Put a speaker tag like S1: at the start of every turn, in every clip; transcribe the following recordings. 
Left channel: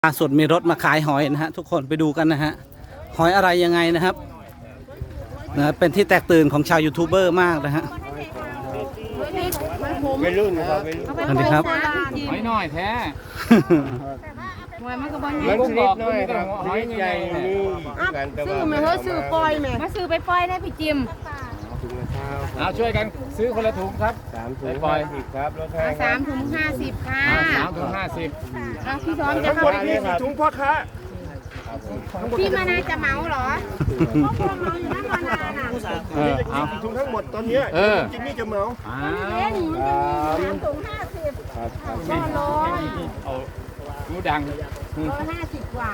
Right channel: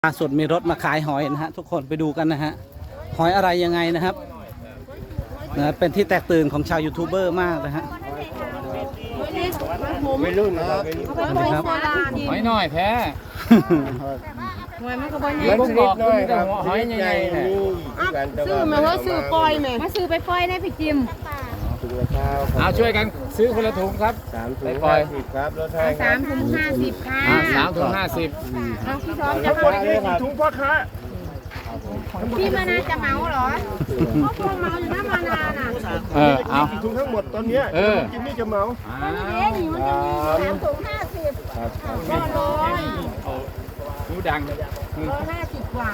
S1: ล่าสุดมีรถมาขายหอยนะฮะทุกคนไปดูกันนะฮะหอยอะไรยังไงนะครับเป็นที่แตกตื่นของชาวยูทูบเบอร์มากนะฮะ
S2: ไม่รุ่นครับ
S1: สวัสดีครับ
S3: หอยน้อยแท้
S2: มันชนิดน้อยครับชนิดใหญ่นี่กันแต่ว่า
S4: มาเขาซื้อปล่อยแม่มาซื้อไปปล่อยได้พี่จิม
S2: ถุงละเท้าค
S3: เอา
S2: รับ
S3: ช่วยกันซื้อคนละถุงครับ
S2: 3 ถุง50ครับรถไทยครั
S4: สา
S2: บ
S4: มถุง50ค่ะ
S3: 3 ถุง 50
S4: เอาพี่ซ้อน
S2: รา
S4: จะ
S2: คาเลยครับถุงพ่อค้า
S4: พี่มานาจะเหมาเหรอพ่อพวงเมาอยู่นะมานาน่ะ
S3: เอา
S2: ถุงทั้งหมดตอนนี้จิมมี่จะเมา
S4: เอ๊ะนี่มันจะมี3ถุง50
S2: ครับ
S4: ก็
S3: ดูดัง
S4: 150กว่า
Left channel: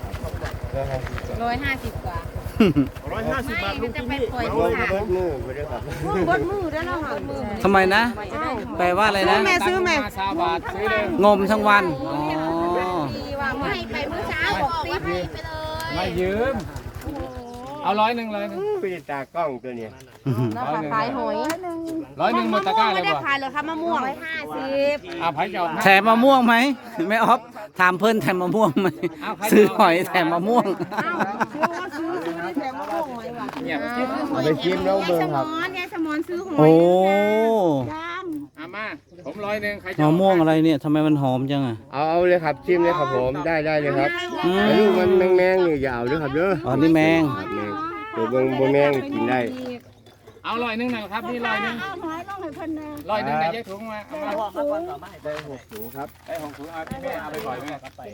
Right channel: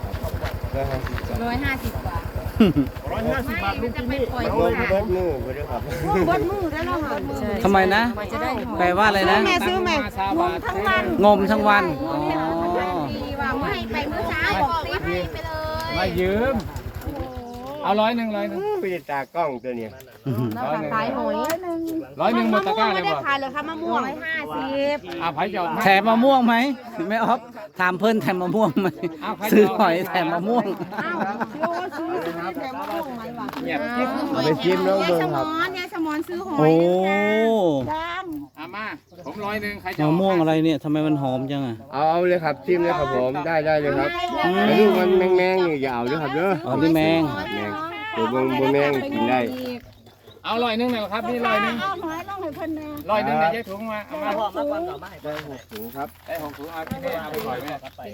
S4: 150กว่า
S2: 150 บาท
S4: มันจะไปปล่อย
S2: ง
S4: ที่
S2: ง
S4: ค่ะ
S2: เบิดมือไปด้วยครับ
S4: เบิดมือได้แล้วค่ะ
S1: ทำไมนะแปลว่าอะไรนะ
S4: แม่ซื้อแม่
S3: ซาบาท
S1: งมทั้งวันอ๋อ
S4: ว่าให้ไปเมื่อเช้าบอกให้ไปเลย
S3: มายืมเอา100เลย
S2: ไปตากล้องตัวเนี้ย
S4: ขายหอย
S3: 100หมดตะกร้าเลย
S4: ไม่ได้
S3: บ่
S4: ขายเลยค่ะมะม่วง150
S3: เอาไผ่จอด
S1: แถมมะม่วงไหมแม่ออฟถามเพื่อนแถมมะม่วงไหมซื้อหอยแถมมะม่วง
S3: เงียบ
S2: เอาไปกินน้องเบิ้งครับ
S4: ยายสมอนซื้อหอ
S1: โอ้
S4: ย
S3: เอามาผม100ใครจะ
S1: มะม่วงอะไรเนี่ยทำไมมันหอมจังอ่ะ
S2: เอาเลยครับจิ้มเลยครับผมได้เลยครับ
S1: อืม
S2: ไอ้ลูกมันแมงๆนี่อย่าเอาด้วยครับเด้อ
S1: อ๋อนี่แมง
S2: แมงตัวบนแมงกินได้
S3: เอา100นะครับนี่100
S4: เอาหอยลงให้เพิ่นแน่
S3: 100ในแยกถุงมาเอามา
S2: ได้6 ถุงครับ
S3: ได้ของถุงเอาพี่แม่เอาไปปล่อยแม่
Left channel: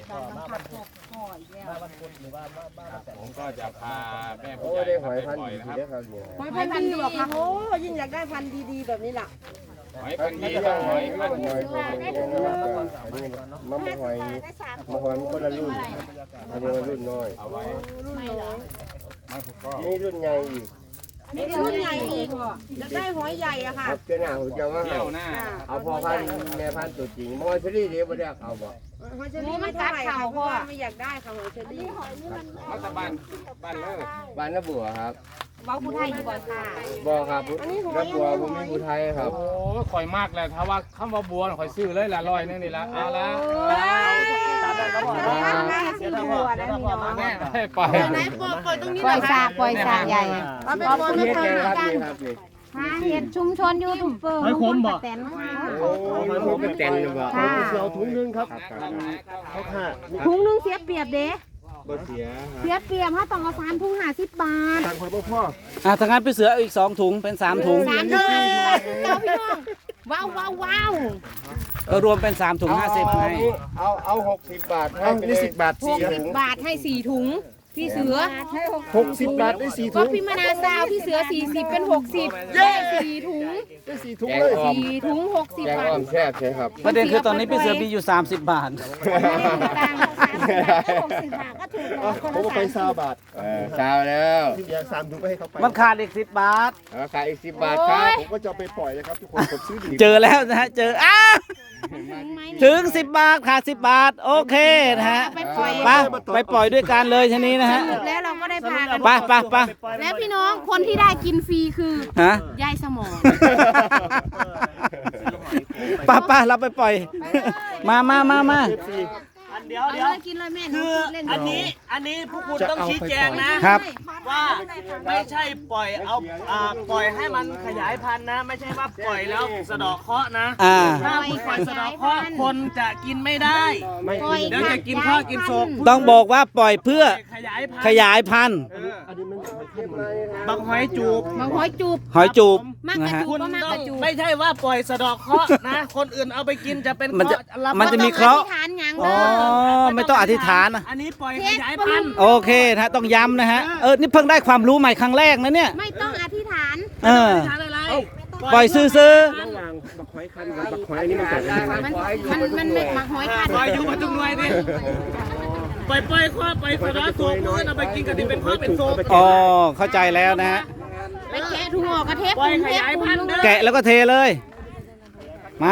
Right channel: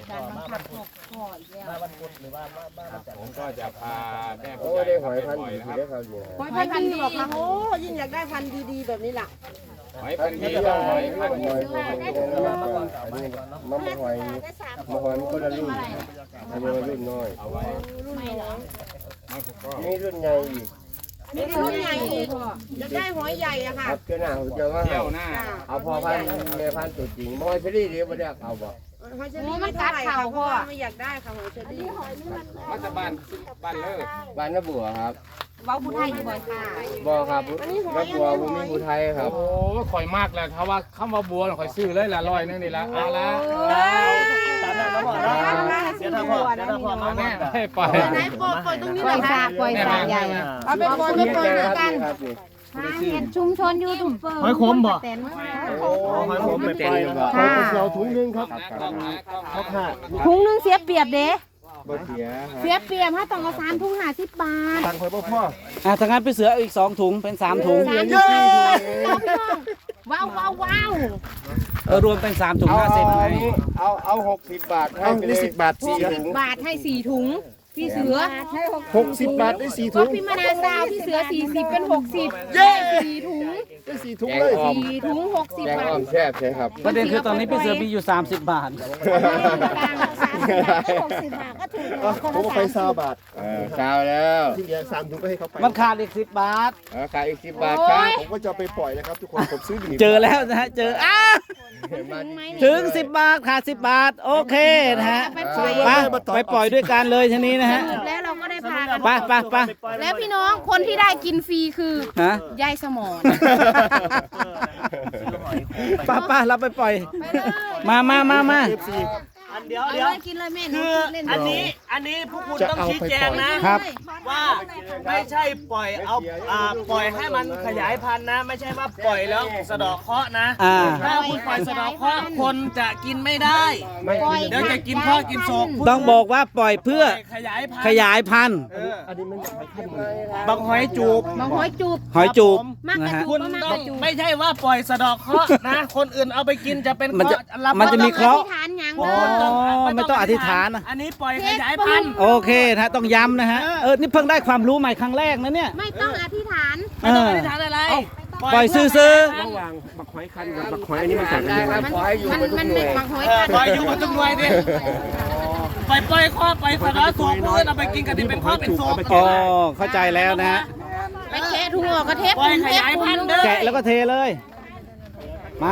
S3: ผมก็จะพาแม่
S2: โอ้ได้หอยพันธุ์ดีได้ครับเนี่ย
S4: หอยพันธุ์ดีบอกค่ะโอ้ยิ่งอยากได้พันธุ์ดีๆแบบนี้ล่ะ
S3: หอยพันธุ์หอยพันธุ์
S2: อันนี้มะหอยมันคนละรุ่นอันนี้มันรุ่นน้อย
S3: เอาไว้
S4: รุ่นน้อย
S3: ไม่พอก็
S2: นี่รุ่นใหญ่อีก
S4: มีรุ่นใหญ่อีกอยากได้หอยใหญ่อะ
S2: ค
S4: ค่ะ
S2: รับเจ้าหน้าผมจะว่าให้
S3: เที่ยวหน้า
S2: เอาพอพันธุ์แม่พันธุ์ตัวจริงมอยเชอรี่เดี๋ยวไม่ได้เอาบ่
S4: หอยเชอรี่ไม่เท่าไหร่ค่ะเพราะว่าไม่อยากได้ค่ะหอยเชอรี่
S3: รัฐบาลเลิก
S2: บ้านน้าบัวครับ
S4: เว้าผู้ไทยบ่อยค่ะ
S2: บ่ครับน้าบัวผมมีผู้ไทยครับ
S3: โอ้ข่อยมากเลยถ้าว่าคำว่าบัวข่อยซื้อเลยละ100นึงนี่ละเอาละ
S4: ซื้อบัวนะพี่น้อง
S3: แม่ปล่อย
S4: ไหนปล่อยตรงนี้เลยค่ะปล่อยสากใหญ่เอาเป็นบอลไม่ปล่อยเหมือนกัน
S2: ครับนี่
S4: ทางเห็นชุมชนยูทูบเบอร์ไม่คมบ่เต็น
S2: ผมเป็นเต็นเลยบ่
S4: เอาถุงนึงครับถุงนึงเสียเปรียบเด้
S2: บ่เสียครับ
S4: เสียเปรียบถ้าต้องเอา3 ถุง50 บาท
S2: ตังค์คอยพ่อ
S1: ถ้างั้นไปเสือเอาอีก2 ถุงเป็น3 ถุง
S4: ว้าวว้าวว้าว
S1: รวมเป็น3 ถุง 50ไง
S2: เอา60 บาทให้ไปเลย10 บาท4 ถุง
S4: บาทให้4 ถุงพี่เสือให้
S2: 60 บาทได้4
S4: ก็
S2: ถุง
S4: พี่มนาซาวพี่เสือ40เป็น60เย้4 ถุง
S2: ได้4 ถุงเลย
S4: 4 ถุง60
S2: แกง
S4: บา
S2: อ้อ
S4: ท
S2: มแซ่บใช่ครับ
S1: ประเด็นคือตอนนี้พี่เสือมีอยู่30 บาท
S4: 60 บาทก็ถูกแล้วคน
S5: ผม
S4: ละ
S5: ไปซาบาท
S2: เช้าแล้ว
S5: ที่เหลือ3 ถุงก็ให้เขาไป
S1: มันขาดอีก10 บาท
S2: ขายอีก10 บาทครับ
S5: ผมก็จะเอาไปปล่อยนะครับทุกคนผมซื้อดี
S1: เจอแล้วนะฮะเจออ้าว
S4: ถึงไหม
S1: ถึง10 บาทขาด10 บาทโอเคนะฮะไปปล่อยด้วยกันเลยทีนี้นะฮะ
S4: แล้วเราก็ได้พากัน
S1: ไป
S4: แล้วพี่น้องคนที่ได้กินฟรีคือ
S1: ฮะ
S4: ยายสมอน
S1: ไปเราไปปล่อย มา
S6: เดี๋ยว
S4: เอาเลยกินเลยแม่หนู
S6: คือ
S4: เล่น
S6: อันนี้พวกคุณต้องชี้แจงนะครับ ว่าไม่ใช่ปล่อยเอาปล่อยให้มันขยายพันธุ์นะ ไม่ใช่ว่าปล่อยแล้วสะเดอกเคราะห์นะ ถ้าคุณปล่อยสะเดอกเคราะห์คนจะกินไม่ได้ เดี๋ยวจะกินข้อกินโศก
S1: ต้องบอกว่าปล่อยเพื่อ
S6: ขยายพัน
S1: ข
S6: ธุ์
S1: ยายพันธุ์
S6: บักหอยจูบ
S4: บางหอยจูบ
S1: หอยจูบ
S4: มากก
S1: นะ
S4: ระ
S1: ฮะ
S4: จูบ
S6: คุณ
S4: ก็มาก
S6: ต้อก ง
S4: ระจูบ
S6: ไม่ใช่ว่าปล่อยสะเดอกเคราะห์นะ คนอื่นเอาไปกินจะเป็น
S1: มันจะ
S6: เคราะห์รับ
S1: มันจะมีเคราะห์
S4: อธิษฐานหยัง
S1: อ๋อ
S4: เด้อ
S1: ไม่ต้องอธิษฐานนะ
S6: อันนี้ปล่อยขยายพันธุ์
S1: โอเคนะฮะต้องย้ำนะฮะนี่เพิ่งได้ความรู้ใหม่ครั้งแรกนะเนี่ย
S4: ไม่ต้องอธิษฐาน
S1: เออ
S6: อธิษฐานอะไร
S1: ปล่อยซื้อ
S5: ระหว่างบักหอยคันกับบักหอยอันนี้มันแตกต่างกัน
S4: มันไม่หมักหอยคัน
S6: ปล่อยอยู่กับจุงหน่วยดิปล่อยข้อไปสะเดอกโศกเพื่อนเอาไปกินกันที่เป็นข้อเป็นโศก
S1: อ๋อเข้าใจแล้วนะฮะ
S4: ไปเจ๊ถั่วกระเทป
S6: ปล่อยขยายพันธุ์เด้อ
S1: แกะแล้วก็เทเลย มา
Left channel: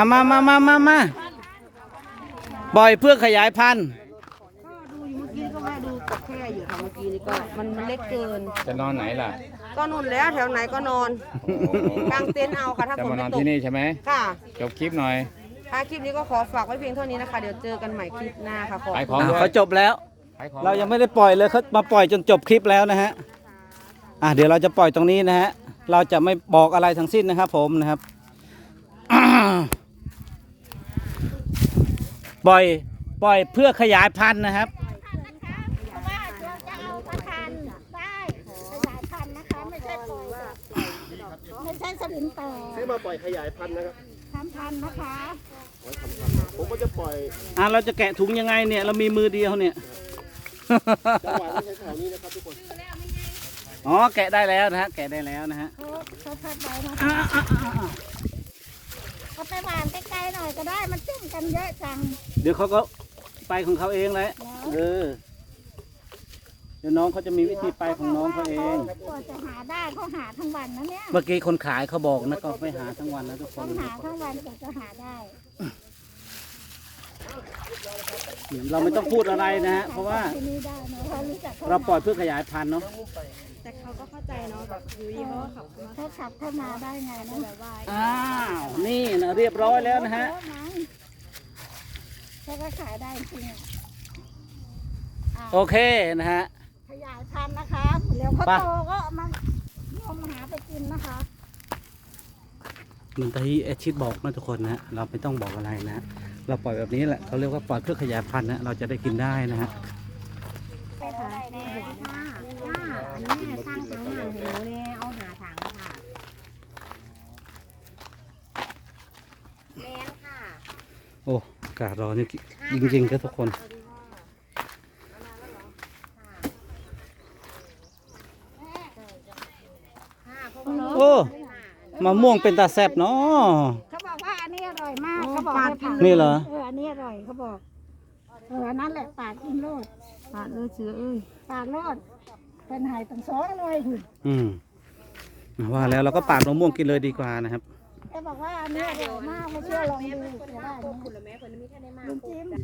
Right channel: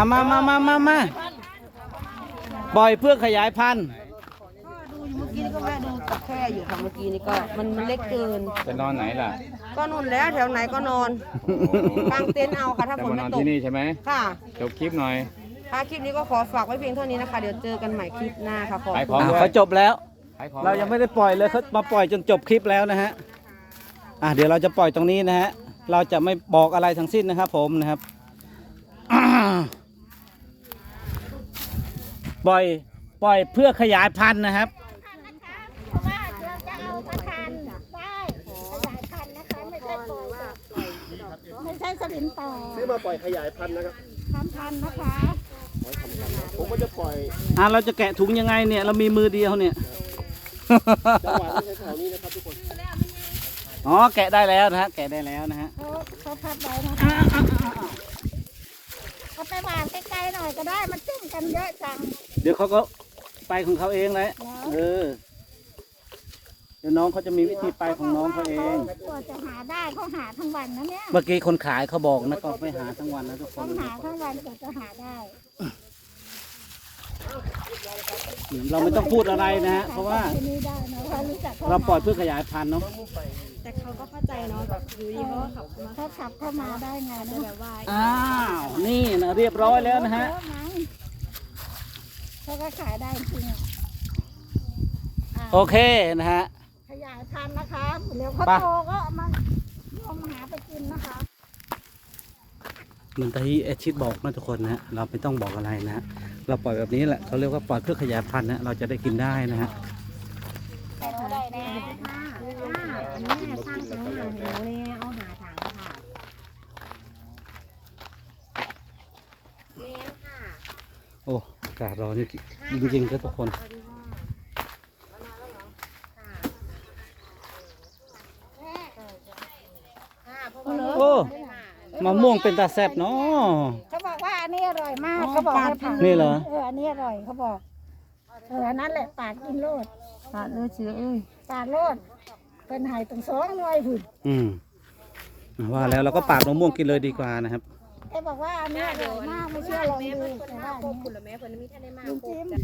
S1: ปล่อยเพื่อขยายพันธุ์
S4: เมื่อกี้ก็แม่ดูแค่อยู่ค่ะเมื่อกี้นี่ก็มันเล็กเกิน
S3: จะนอนไหนล่ะ
S4: ก็นุ่นแล้วแถวไหนก็นอนกางเต็นท์เอาค่ะถ้า
S3: จะ
S4: ฝน
S3: มาน
S4: ไม่
S3: อน
S4: ตก
S3: ที่นี่ใช่ไหม
S4: ค่ะ
S3: จบคลิปหน่อย
S7: ค่ะคลิปนี้ก็ขอฝากไว้เพียงเท่านี้นะคะ เดี๋ยวเจอกันใหม่คลิปหน้าค่ะขอบคุณ
S1: เขาจบแล้ว เรายังไม่ได้ปล่อยเลยเขามาปล่อยจนจบคลิปแล้วนะฮะเดี๋ยวเราจะปล่อยตรงนี้นะฮะเราจะไม่บอกอะไรทั้งสิ้นนะครับผมนะครับ ปล่อยเพื่อขยายพันธุ์นะครับ
S4: ไม่ใช่สลิมต่อ
S5: ซื้อมาปล่อยขยายพันธุ์นะครับ
S4: ทำพันนะคะ
S5: ผมก็จะปล่อย
S1: เราจะแกะถุงยังไงเนี่ยเรามีมือเดียวเนี่ย
S5: จังหวะไม่ใช่แถวนี้นะครับทุกคน
S1: อ๋อแกะได้แล้วนะฮะแกะได้แล้วนะฮะ
S4: เขาพับไว้นะคะเขาไปวางใกล้ๆหน่อยก็ได้มันจุ่มกันเยอะจัง
S1: เดี๋ยวเขาก็ไปของเขาเองเลยเดี๋ยวน้องเขาจะมีวิธีไปของน้องเขาเอง
S4: กว่าจะหาได้เขาหาทั้งวันนะเนี่ย
S1: เมื่อกี้คนขายเขาบอกนะก็ไปหาทั้งวันนะทุกค
S4: ต้อน งหาทั้งวันกว่าจะหาได้
S1: เราไม่ต้องพูดอะไรนะฮะเพราะว่า
S4: ที่นี่ได้นะเขารู้จัก
S1: เราปล่อยเพื่อขยายพันธุ์เนาะ
S7: แต่เขาก็เข้าใจเนาะแบบอยู่ดีเขาขับมา
S4: เขาขับเข้ามาได้ไงนะ
S1: นี่นะเรียบร้อยแล้วนะฮะ
S4: เขาก็ขายได้จริง
S1: โอเคนะฮะ
S4: ขยายพันธุ์นะคะเดี๋ยวเขา
S1: ไป
S4: โตก็มาหาไปกินนะคะ
S1: เหมือนที่แอดชิดบอกนะทุกคนนะฮะเราไม่ต้องบอกอะไรนะฮะเราปล่อยแบบนี้แหละเขาเรียกว่าปล่อยเพื่อขยายพันธุ์นะเราจะได้กินได้นะฮะ โอ้อากาศร้อนนี่จริงๆครับทุกคนโอ้มะม่วงเป็นตาแซ่บเนาะ
S4: เขาบอกว่าอันนี้อร่อยมากเขาบอกว่าท
S1: นี่เหรอ
S4: อันนี้อร่อยเขาบอกนั่นแหละปาดกินโลด
S7: ปาดเลยเชื้อเอ้ย
S4: ปาดโลดเป็นไห้ตั้ง2 หน่วยถึง
S1: ว่าแล้วเราก็ปาดมะม่วงกินเลยดีกว่านะครับ
S4: เขาบอกว่าอันนี้อร่อยมากไม่เชื่อลองดูแต่ว่าอันนี้ลุงจิ้ม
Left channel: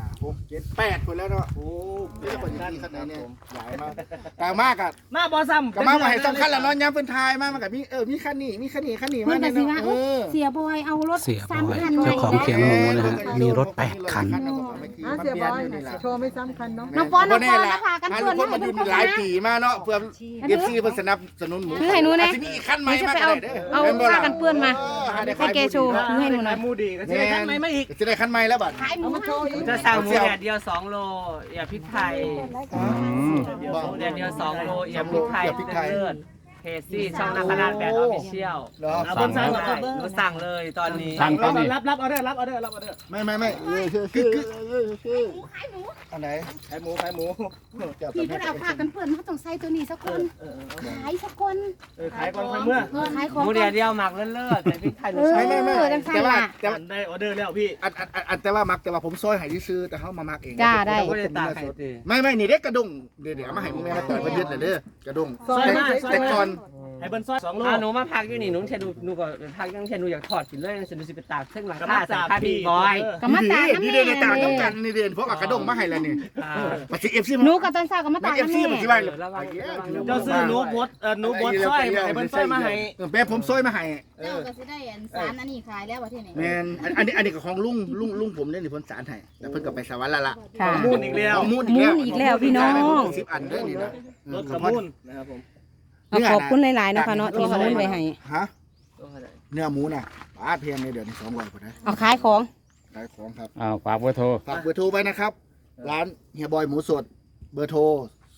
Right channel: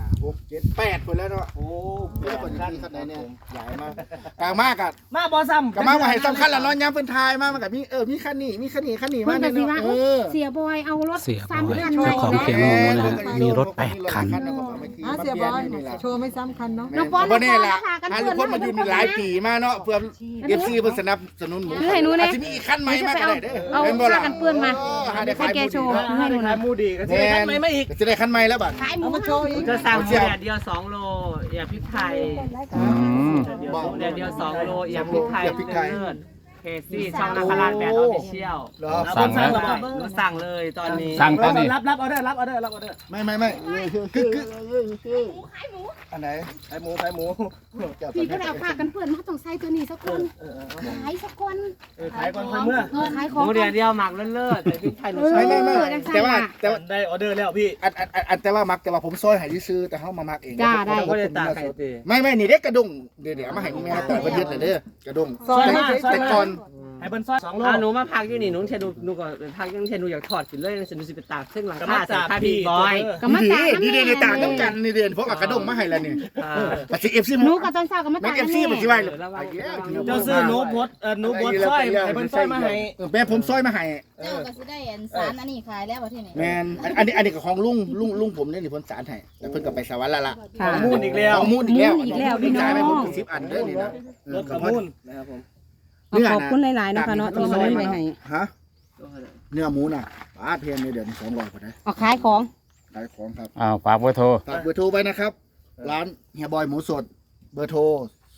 S5: 6 7 8คนแล้วเนาะโอ้เยอะกว่านี้ขนาดเนี่ยใหญ่มากกลางมากอ่ะ
S6: มาบอซ้ำ
S5: กลางมากว่าให้สำคัญละเนาะย้ำเป็นทายมากมันกับมีคันนี้มีคันนี้มาเนี่ยเนาะ
S4: เสียบอยเอารถ
S1: เสียบอย
S4: 3 คัน
S1: เจ้าของเขียงหมูนะฮะมีรถ8 คัน
S5: เสียบอย
S7: โชว์ไม่ซ้ำคันเนาะ
S5: บ่แน่ละหาลูกคนมาอยู่หลายปีมาเนาะเพื่อFC เพิ่นสนับสนุนหมูอาจจะมีอีกคันใหม่มาก็ได้เด้อเป็นบ่ล่ะกันเปื้อนมาหาได้ขายหมูดีเนาะ
S6: ให้หนูขายมูดีก็จะได้ทำไมไม่อีก
S5: จะได้คันใหม่แล้วบัด
S4: ขายหมูเฮา
S6: จะสั่งหมูแดดเดียว2 โลอย่าพริกไทย
S5: บอก
S6: แดดเดียว2 โลอย่าพริกไทยเพจซี่ช่องนักขนาดแบบออฟฟิเชียล
S3: สั่งแล้ว
S6: หนูสั่งเลยตอนนี้
S3: สั่งตอนนี้
S6: รับออเดอร์รับออเดอร์
S5: ไม่คืออันไหนขายหมู
S4: พี่พวกเราพากันเพื่อนมาต้องใส่ตัวนี้สักคนขายสักคน
S6: ขายก่อนค่อยเมื่อ
S4: ขายข
S6: ห
S4: อง
S6: มูแดดเดียวหมักเลิศแต่พริกไทยหนู
S5: ไม่แต่ว่า
S6: ได้ออเดอร์แล้วพี่
S5: แต่ว่ามักแต่ว่าผมซอยให้ซื้อแต่เฮามามักเอง
S6: ก็ได้ตากไข่ตี
S5: ไม่นี่เด็กกระดุงเดี๋ยวมาให้แม่ปล่อยเพิ่นยึดเลยเด้อกระดุงแต่ก่อน
S6: ไอ้เบิ้ลซอย2 โลหนูมาพักอยู่นี่หนูเชนูหนูก็พักยังเชนูอยากทอดกินเลยสนุสิไปตากซึ่งหลังคาใส่ผ้าพี่บอย
S4: ก็มาตากน้ำ
S5: นี่เด้ต่างน้ำกันนี่เด้พวกกระดุงมาให้แล้วนี่ปัจจุบัน FC
S4: หนูกับตอนเช้าก็มา
S5: แม็
S4: ตาก
S5: FC ปัจจุบันเลย
S6: เจ้าซื้อหนูบดซอยไอ้เบิ้ลซอยมาให้
S5: แม่ผมซอยมาให้
S8: เจ้าก็สิได้อันสารอันนี้ขายแล้วว่าที่นี่
S5: แม่นอันนี้ก็ของลุงผมเนี่ยนี่เพิ่นสารให้แต่เพิ่นก็ไปสวรรค์แล้วล่ะ
S6: มูนอีกแล้ว
S5: ของมูนอีกแล้วพี่น้อง10 อันเด้อนี่นะ
S6: รถมูนนะครับผม
S7: ขอบคุณหลายๆนะคะเนาะที่เขาไปให้
S5: ฮะเนื้อหมูน่ะป้าเทียนเนี่ยเดี๋ยวนี้200กว่านะ
S7: เอาขายของ
S5: ขายของครับ
S3: ฝากเบอร์โทร
S5: ฝากเบอร์โทรไว้นะครับ ร้านเฮียบอยหมูสด เบอร์โทร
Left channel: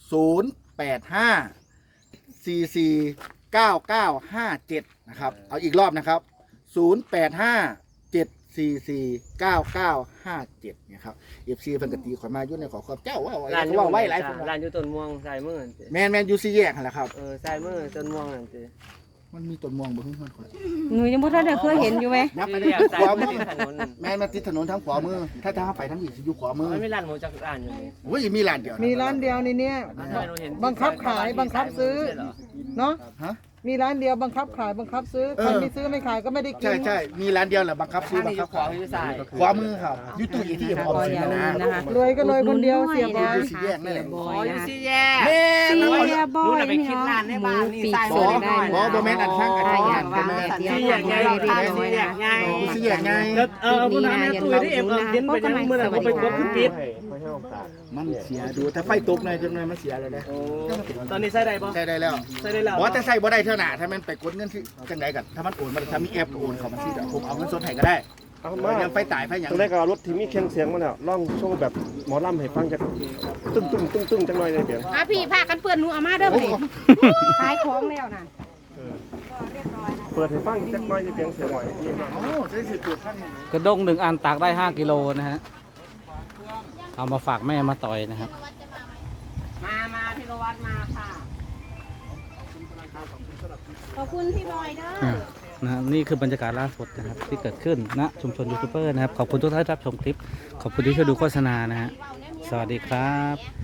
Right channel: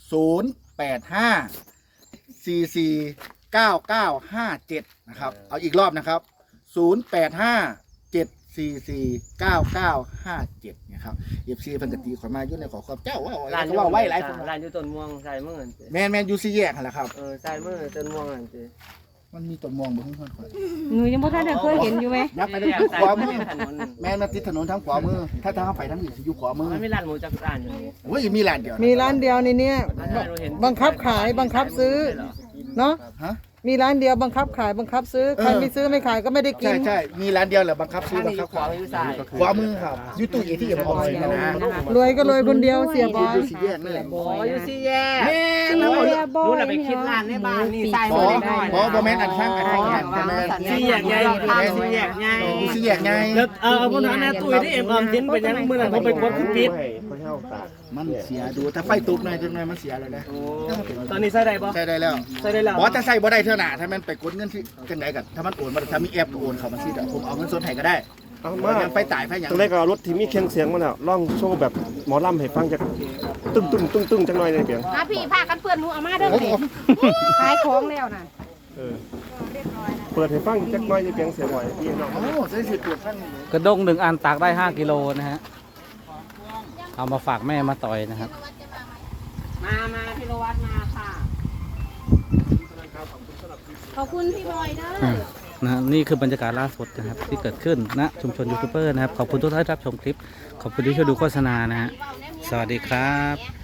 S5: 085449957 นะครับ เอาอีกรอบนะครับ 0857449957 นะครับเอฟซีเพิ่นกตีขอยมายุ่ในขอขอบเจ้าว่าอะไรก็ว่าไว้หลายคน
S6: ร้านอยู่ต้นม่วงใส่มือ
S5: แม่นยูซีแยกหั่นแหละครับ
S6: ใส่มือต้นม่วงนั่นสิ
S5: มันมีต้นม่วงบ่ฮู้ข่อย
S7: หนูยังไม่ได้เคยเห็นอยู่ไหม
S5: ยับไปทางขวามือแม่นมาติดถนนทางขวามือถ้าทางไปทางนี้สิอยู่ขวามือ
S6: ไม่มีร้านหมูจักรานอยู่นี่
S5: โอ้ยมีร้านเดียว
S7: มีร้านเดียวในนี้บังคับขายบังคับซื้อเนาะ
S5: ฮะ
S9: มีร้านเดียวบังคับขายบังคับซื้อใครไม่ซื้อไม่ขายก็ไม่ได้กิน
S5: ใช่มีร้านเดียวแหละบังคับซื้อบังคับขายขวามือครับยูตู้ที่ออมสินนะ
S9: รวยก็รวยคนเดียวเสียบอย
S5: สี่แยกนี่แหละ
S6: อยู่สี่แยก
S5: แม่
S6: รู้นะไปคิดร้านในบ้านนี่ใส่
S5: บอแม่นอันข้างกันแม่
S6: สี่แยกใหญ่สี่แยกใหญ่
S5: สี่แยกไง
S6: ผู้นั้นนะตุ้ยที่เอ็มออมสินเป็นยังเมื่อนั้นเขาไปกดคุปิด
S5: มันเสียดูถ้าไฟตกหน่อยจังหน่อยมันเสียเลยนะ
S6: ตอนนี้ใส่ได้ปะ
S5: ใช่ได้แล้ว
S6: ใส่ได้แล้ว
S5: บอจะใส่บ่ได้เท่าหน่าถ้ามันไปกดเงินที่จังไหนกันถ้ามันโอนมาถ้ามีแอปก็โอนเขามาที่เดี๋ยวผมเอาเงินสดให้ก็ได้ยังไฟตายไฟอย่าง
S2: ตอนแรกก็รถที่มีเครื่องเสียงมันอ่ะร้องโชว์แบบหมอลำให้ฟังจากตึ้งจังหน่อยเลยเปีย
S4: พี่พากันเพื่อนหนูเอามาเด้อขายของแล้วน่ะ
S2: เปิดให้ฟังจักหน่อยจะเปียงเสียงหน่อยพี่น้อง
S1: กระด้ง1 อันตากได้5 กิโลนะฮะเอามาฝากแม่มาต่อยนะครับ
S7: มาพิรวัตรมาค่ะ
S8: ขอบคุณพี่บอยเด้อ
S1: นะนี่คือบรรยากาศล่าสุดนะครับที่เกิดขึ้นณชุมชนยูทูบเบอร์นะครับขอบคุณทุกท่านที่รับชมคลิปขอบคุณที่ช่วยดูโฆษณานะฮะสวัสดีครับ